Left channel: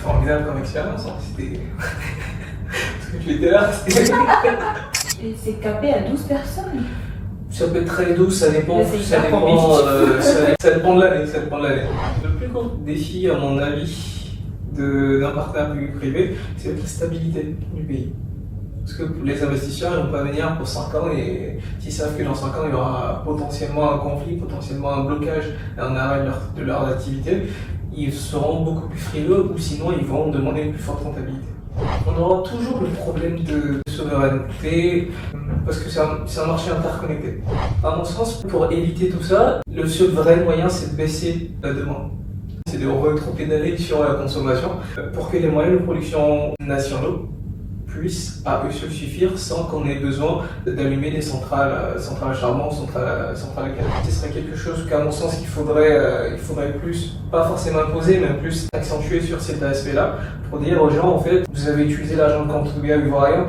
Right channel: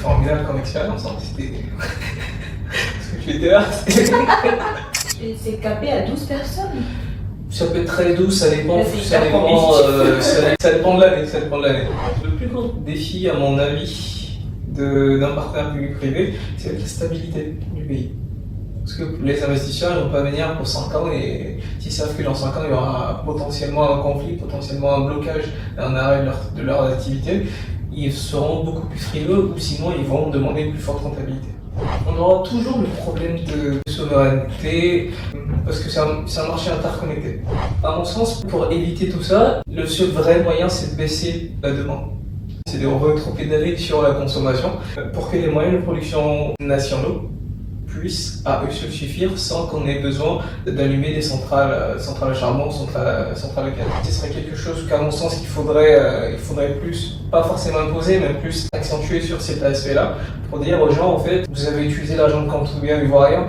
formidable comme expérience. Hein. C'était. Parce que tu étais là. Et c'est capé à 12 personnes. Ça peut être très doux, ça dépend, ça dépend de l'année. Le plus gros défi, à mon avis, d'un partenaire public privé, c'est la stabilité du pays. Parce que les investisseurs ne vont pas venir pour 5 ans et si ça recule dans 5 ans, il y aura potentiellement un conflit, potentiellement un blocage, un arrêt de leur activité. Ils seront beaucoup plus frileux ou sinon ils vont demander une plus forte rentabilité. On aura toujours le problème de souveraineté parce que c'est un marché interconnecté. À mon sens, pour éviter tout ça, le seul vrai moyen c'est de baisser la demande. C'est de rétro-pédaler sur la consommation pour que les moyens de production nationaux puissent à eux seuls suffire sans qu'on ait besoin d'allumer des centrales à charbon, centrales à gaz. Ce serait quelque chose qu'à mon sens il faudrait plus, pas forcément imposer, mais plus accentuer sur cet aspect-là pour dire aux gens en fait, vous avez utilisé l'argent de contribuable ivoirien.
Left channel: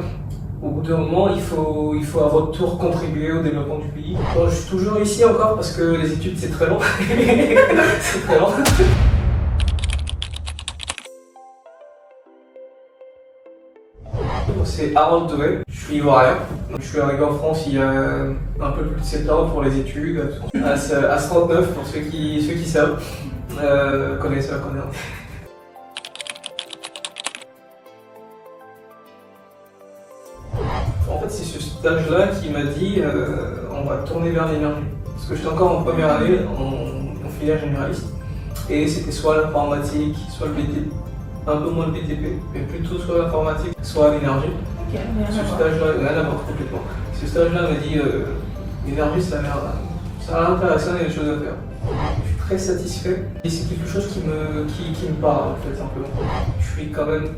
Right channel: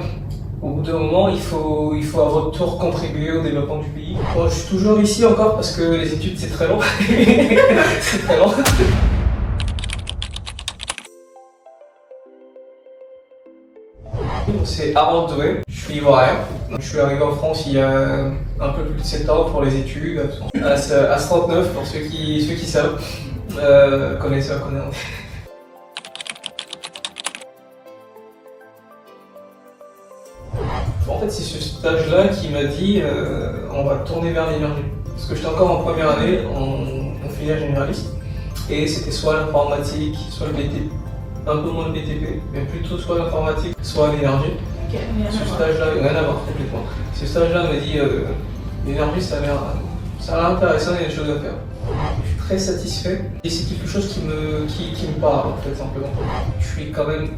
Au bout d'un moment, il faut à votre tour contribuer au développement du pays. Moi, je suis toujours ici encore parce que les études c'est très long. C'est très long. C'est Harold Doué, je suis ivoirien. Je suis arrivé en France il y a un peu plus de 7 ans pour les études, à 39 pour ceux qui savent, connaisseurs. En fait, c'est ce stage-là qui m'a dit on va tourner vers l'énergie. Parce que j'étais encore en première année en filière généraliste, et c'était soit l'informatique, soit le BTP. Un peu moins de BTP, mais plutôt soit l'informatique, soit l'énergie. Ce stage-là, rien à voir complètement. Ce stage-là m'a dit l'énergie, ça a l'air intéressant, il y a des choses à faire. Je suis très satisfait et c'est quelque chose qui me parle en fait simplement. Je suis quand même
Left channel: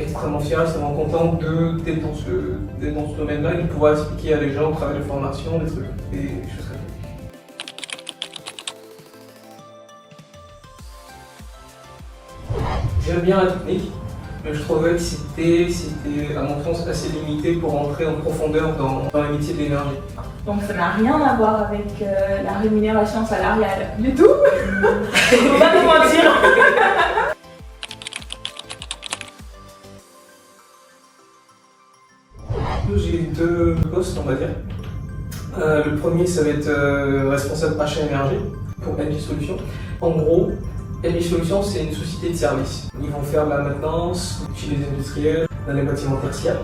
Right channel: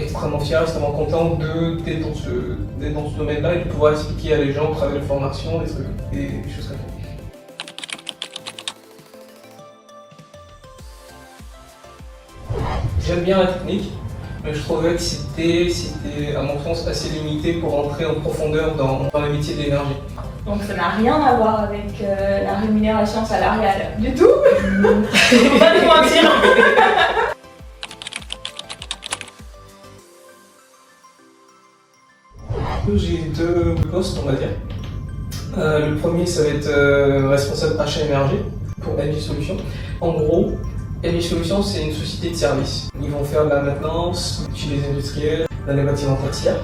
extrêmement fier, extrêmement content d'être dans ce domaine-là et de pouvoir expliquer à les gens, à travers les formations, des trucs, des choses comme ça. J'aime bien la technique, mais je trouvais que c'était à mon sens assez limité pour entrer en profondeur dans le métier de l'énergie. Donc ça n'a rien à voir avec la rémunération salariale du tout. Faut pas nous mentir. J'ai 2 postes, on va dire. Le premier, ça va être responsable achat énergie pour Engie Solutions. En gros, Engie Solutions, c'est une société de services. Ils vont faire de la maintenance chez les industriels, dans les bâtiments tertiaires,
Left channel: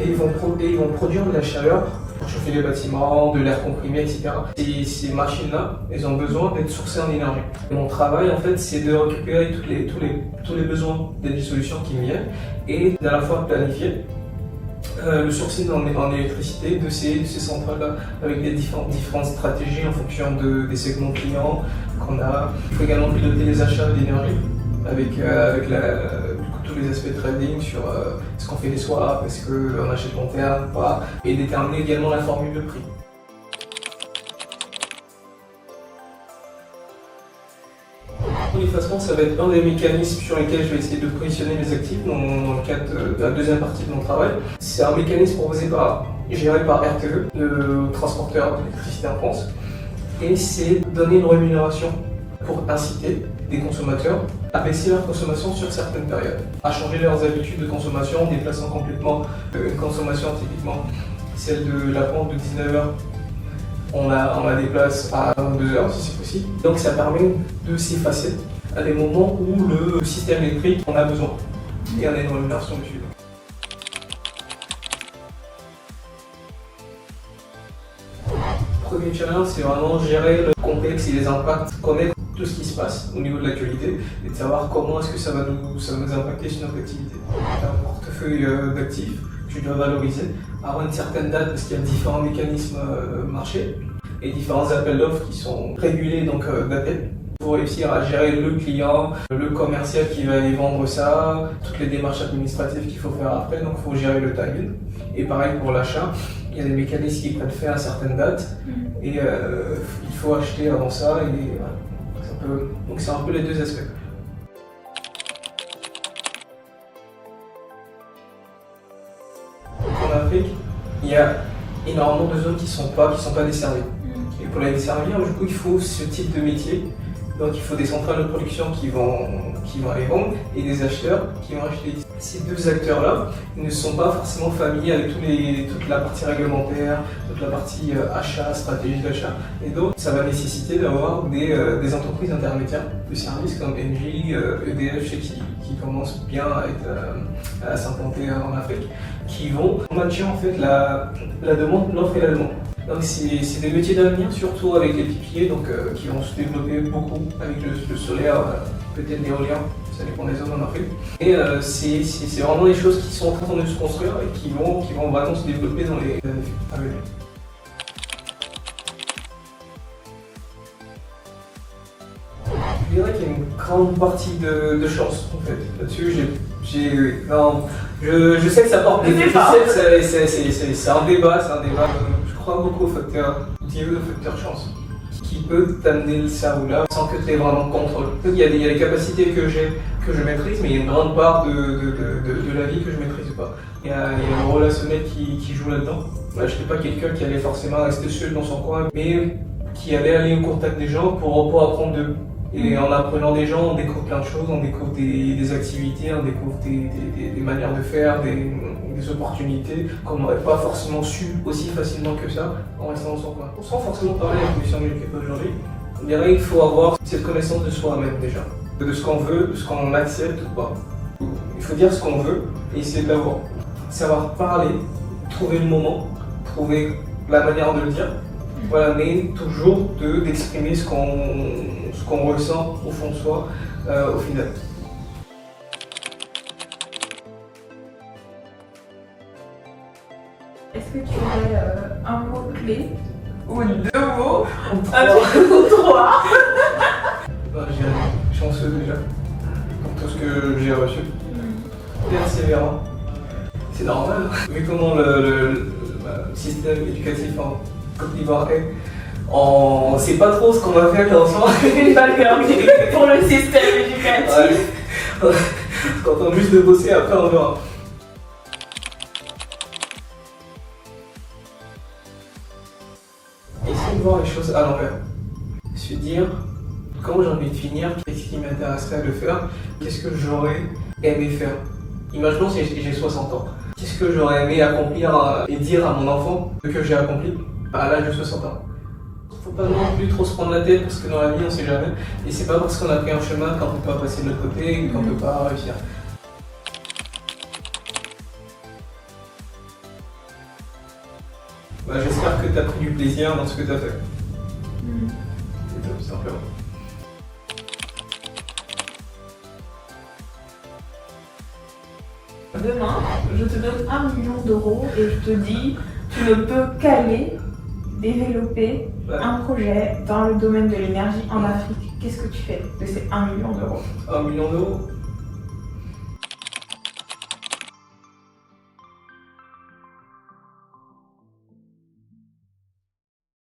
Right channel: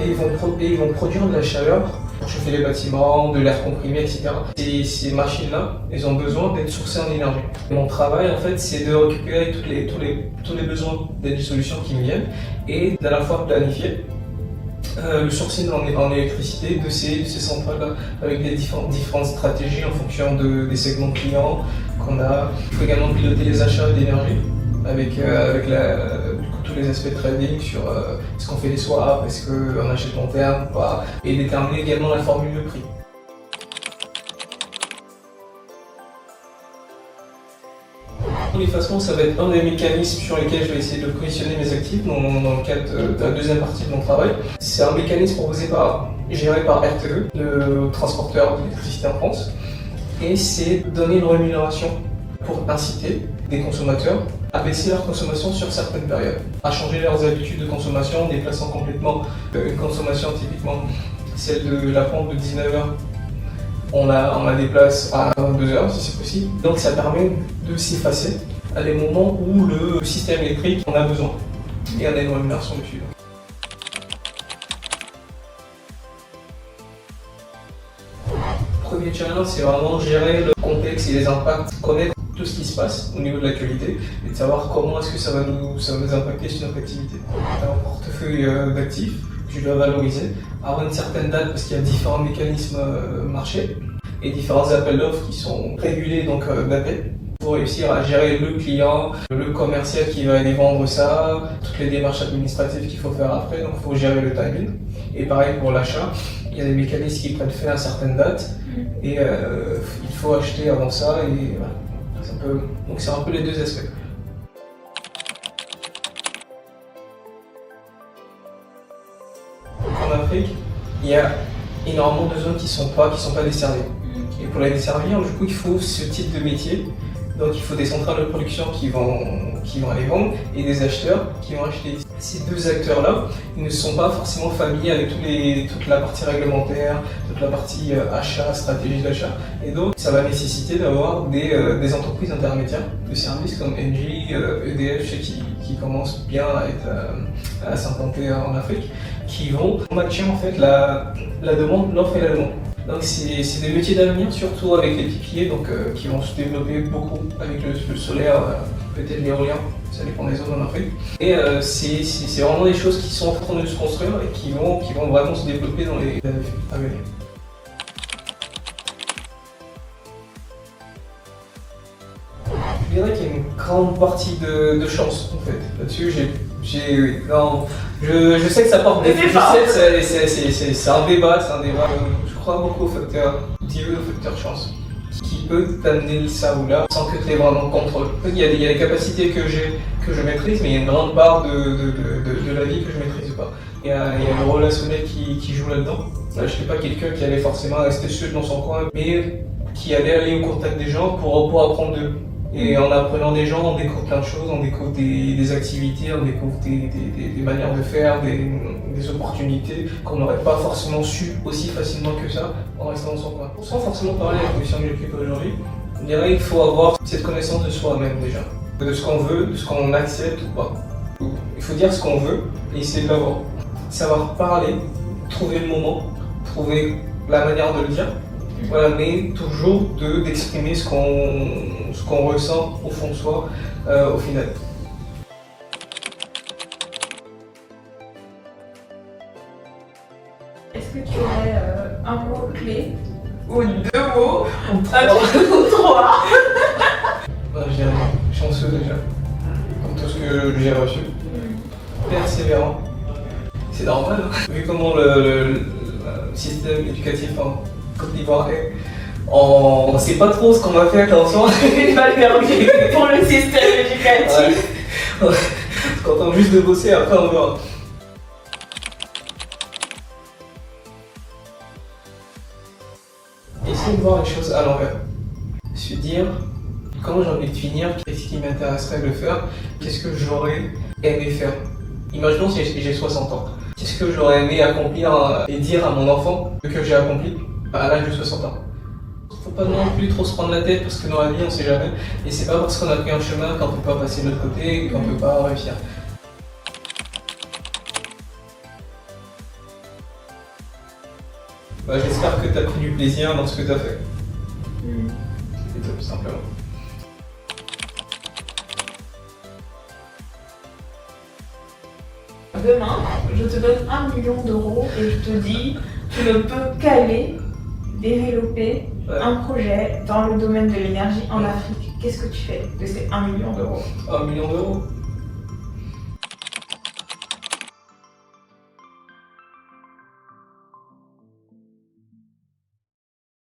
et ils vont produire de la chaleur pour chauffer les bâtiments, de l'air comprimé, etc. Et ces machines-là, elles ont besoin d'être sourcées en énergie. Et mon travail, en fait, c'est de récupérer tous les besoins d'Engie Solutions qui me viennent et d'à la fois planifier le sourcing en électricité de ces centrales-là avec des différentes stratégies en fonction des segments clients qu'on a. Il faut également piloter les achats d'énergie avec tous les aspects de trading sur est-ce qu'on fait des swaps, est-ce qu'on achète long terme ou pas, et déterminer également la formule de prix. L'effacement, ça va être un des mécanismes sur lesquels je vais essayer de positionner mes actifs dans le cadre de la deuxième partie de mon travail. C'est un mécanisme géré par RTE, le transporteur d'électricité en France, et c'est donner une rémunération pour inciter des consommateurs à baisser leur consommation sur certaines périodes, à changer leurs habitudes de consommation en déplaçant complètement une consommation typiquement celle de la pompe de 19h. On la déplace à 22h si c'est possible. Donc ça permet de s'effacer à des moments où le système électrique en a besoin. Et on a une rémunération dessus. Le premier challenge, c'est vraiment gérer le contexte et les impacts, connaître tout ce qui se passe au niveau de l'actualité et de savoir comment est-ce que ça va nous impacter sur notre activité. Un portefeuille d'actifs que je dois valoriser, avoir une certaine date parce qu'il y a différents mécanismes marché et différents appels d'offres qui sont régulés, donc datés, pour réussir à gérer le client, le commercial qui va aller vendre ça, toutes les démarches administratives qu'il faut faire après, donc il faut gérer le timing. Et pareil pour l'achat, il y a des mécanismes qui prennent fin à certaines dates et il faut acheter avant ça. Et, voilà. Donc c'est un peu les deux aspects. En Afrique, il y a énormément de zones qui sont pas desservies. Et pour les desservir, du coup, il faut ce type de métier Donc il faut des centrales de production qui vont les vendre et des acheteurs qui vont acheter. Ces deux acteurs-là, ils ne sont pas forcément familiers avec toute la partie réglementaire, toute la partie achat, stratégie d'achat. Et donc ça va nécessiter d'avoir des entreprises intermédiaires de services comme Engie, EDF, qui commencent bien à s'implanter en Afrique, qui vont matcher en fait la demande, l'offre et la demande. Donc c'est des métiers d'avenir, surtout avec les pipiers, donc qui vont se développer beaucoup avec le solaire, peut-être l'éolien, ça dépend des zones en Afrique. Et c'est vraiment des choses qui sont en train de se construire et qui vont vraiment se développer dans les années à venir. Je dirais qu'il y a une grande partie de chance en fait. Là-dessus, je sais que ça porte des ficelles, c'est un débat, Je crois beaucoup au facteur Dieu, au facteur chance, qui peut t'amener ça ou là sans que tu aies vraiment le contrôle. Il y a des capacités que je maîtrise, mais il y a une grande part de la vie que je ne maîtrise pas. Il y a le relationnel qui joue là-dedans. Je n'étais pas quelqu'un qui allait forcément rester seul dans son coin, mais qui allait aller au contact des gens pour apprendre d'eux. Et en apprenant des gens, on découvre plein de choses, on découvre des activités, on découvre des manières de faire, des opportunités qu'on n'aurait pas forcément su aussi facilement que ça en restant dans son coin. Sans forcément parler de la question de l'équipe aujourd'hui, je dirais qu'il faut avoir cette connaissance de soi-même déjà, de ce qu'on veut, de ce qu'on accepte ou pas. Il faut dire ce qu'on veut et essayer de savoir parler, trouver le moment, trouver la manière de le dire. Voilà, mais toujours d'exprimer ce qu'on ressent au fond de soi au final. Est-ce que tu aurais un mot clé ou deux mots, trois? J'ai chanceux déjà pour tout ce que j'ai reçu. Persévérant. C'est normal, hein. Vu comment le système éducatif en Côte d'Ivoire est, on sait pas trop ce qu'on va faire attention. Une balle perdue pour le système éducatif. Ouais. On est en train juste de bosser, après on verra. Essayez de voir les choses à l'envers. Se dire comment j'ai envie de finir, qu'est-ce qui m'intéresserait de faire, qu'est-ce que j'aurais aimé faire. Imaginons si j'ai 60 ans. Qu'est-ce que j'aurais aimé accomplir et dire à mon enfant que j'ai accompli à l'âge de 60 ans. Faut pas non plus trop se prendre la tête parce que dans la vie on sait jamais. Et c'est pas parce qu'on a pris un chemin qu'on peut pas passer de l'autre côté et qu'on peut pas réussir. J'espère que tu as pris du plaisir dans ce que tu as fait. C'est tout simplement. Demain, je te donne 1 million d'euros et je te dis tu ne peux qu'aller développer un projet dans le domaine de l'énergie en Afrique. Qu'est-ce que tu fais de ces 1 million d'euros? 1 million d'euros?